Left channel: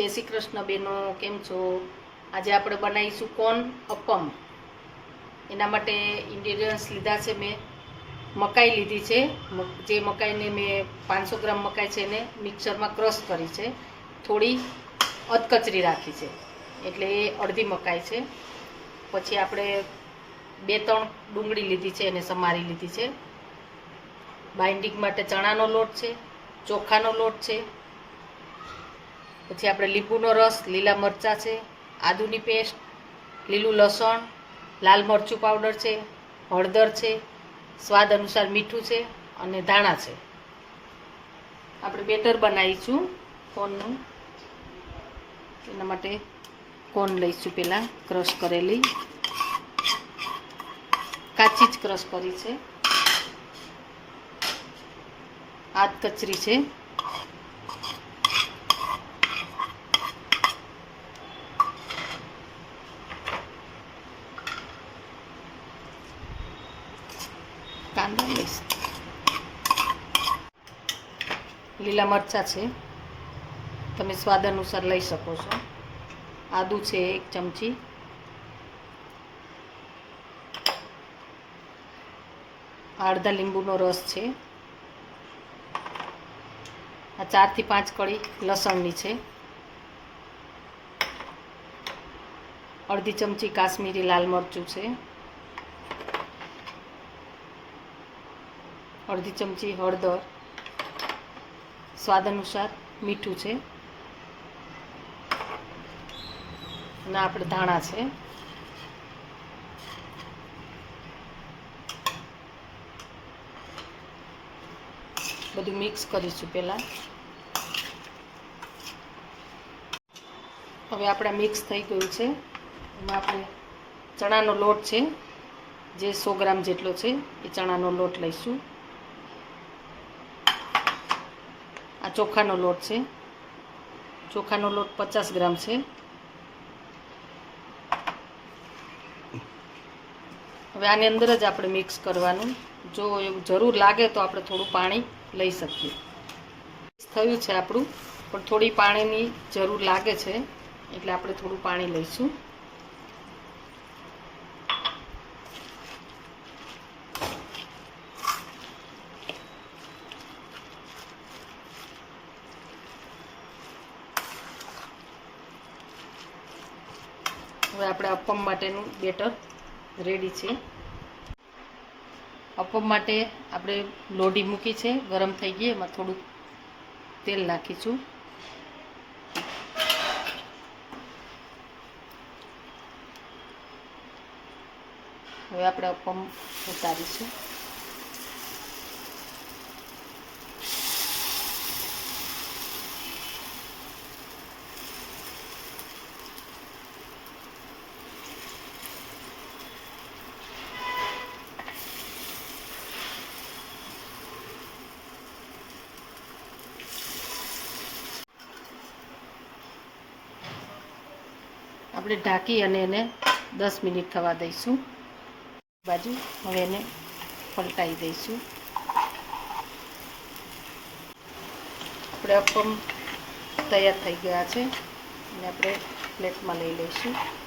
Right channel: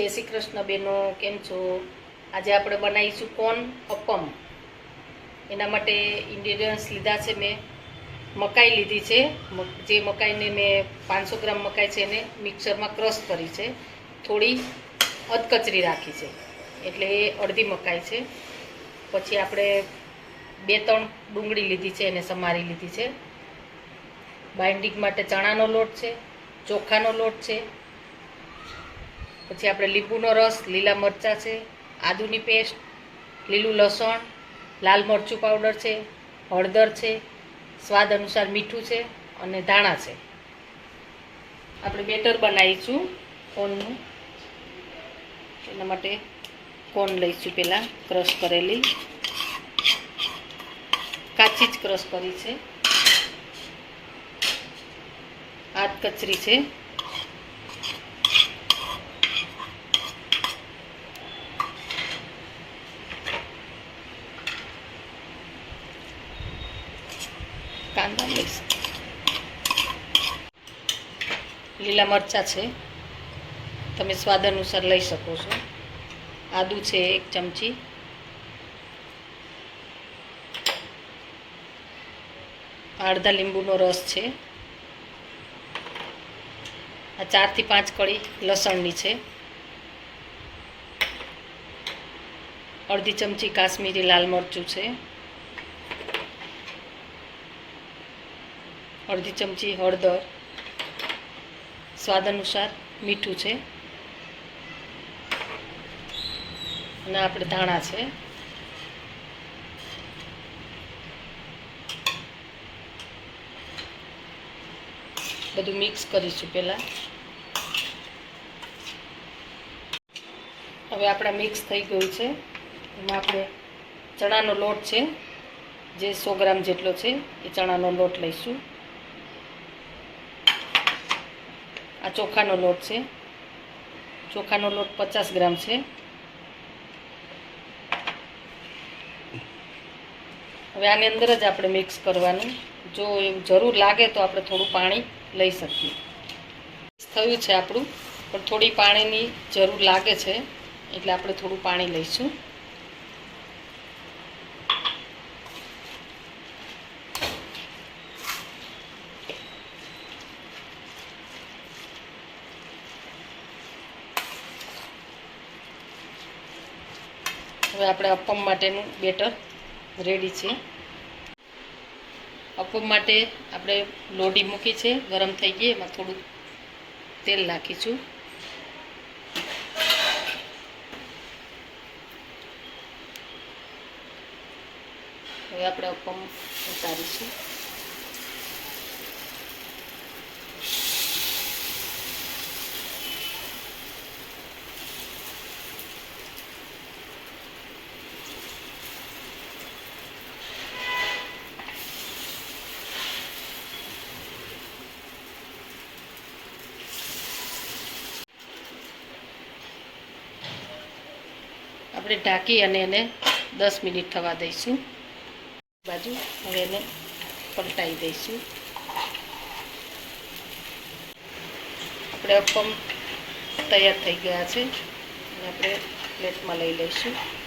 જય શ્રી કૃષ્ણ બેનો, કેમ છો? આજે આપણે બનાવીશું કોન અપમ. એના માટે ઇન્ડિરિયન્સ લીધા છે મેં. મકાઈ લીધી છે. જે મકાઈને મેં પાંચસો ગ્રામ મકાઈ છે એને મિક્સરમાં ક્રશ કરી છે. થોડી અધકચરી રાખી છે. એટલે એ અડધી મકાઈ છે. પછી આપણે બે ત્રણ ડુંગળી લીધી છે એને સમારી લીધી છે. બાઇન્ડિંગ માટે ચણાનો લોટ છે, ચોખાનો લોટ છે પછી આપણે લીંબુનો રસ, લીલા મરચાં છે, આદુની પેસ્ટ, લીલું લસણ, લાલ મરચું પાવડર છે, હળદર છે, સ્વાદ અનુસાર મીઠું છે અને ધાણા છે. આપણે બેટર બનાવીશું કોનનું. એના માટે કોન લઈશું પહેલાં, ક્રશ કરેલી. કાચી જ ક્રશ કરી છે. હાથ કચરી છે. કાંદા લઈશ. લીલા મરચાં છે. તમે સ્વાદ અનુસાર લઈ શકો છો. આદુ છે એક ચમચી. અડધા લીંબુનો રસ છે. આ ચારથી પાંચ કળી લસણની છે. અડધી ચમચી કાશ્મીરી લાલ મરચું છે. અડધી ચમચી હળદર સ્વાદ અનુસાર મીઠું છે. અને આપણે ધાણા છે. બધું મિક્સ કરીશું પહેલાં. હવે આપણા મિક્સ થઈ ગયું છે. એમાં આપણે ચણાનો લોટ છે. જે સો ગ્રામ જેટલો છે, એ ચણાનો લોટ લઈશું. આ ચોખાનો લોટ છે. ચોખાનો લોટ પચાસ ગ્રામ છે. હવે આની અંદર જ આપણે મિક્સ કરવાનું. જો એવું જરૂર લાગે તો આપણે થોડું પાણી લઈ શકીએ. થયું છે આપણું, પણ થોડી પાણીની જરૂર લાગે છે, એટલે આપણે થોડું પાણી લઈશું. હવે આપણે અપમ માટેનું બેટર રેડી છે. અપમ માટે આપણે લોઢી મૂકી છે, ગરમ થઈ ગઈ, એમાં થોડું તેલ નાખીશું. હવે આપણે અપમ ઉતારીશું. આપણે ઢાંકી અને એને દસ મિનિટ થવા દઈશું. બાજુ હવે એને પલટાઈ દઈશું. આપણે અપમ તૈયાર થઈ ગયા છે. અને આપણે પ્લેટમાં લઈ લઈશું.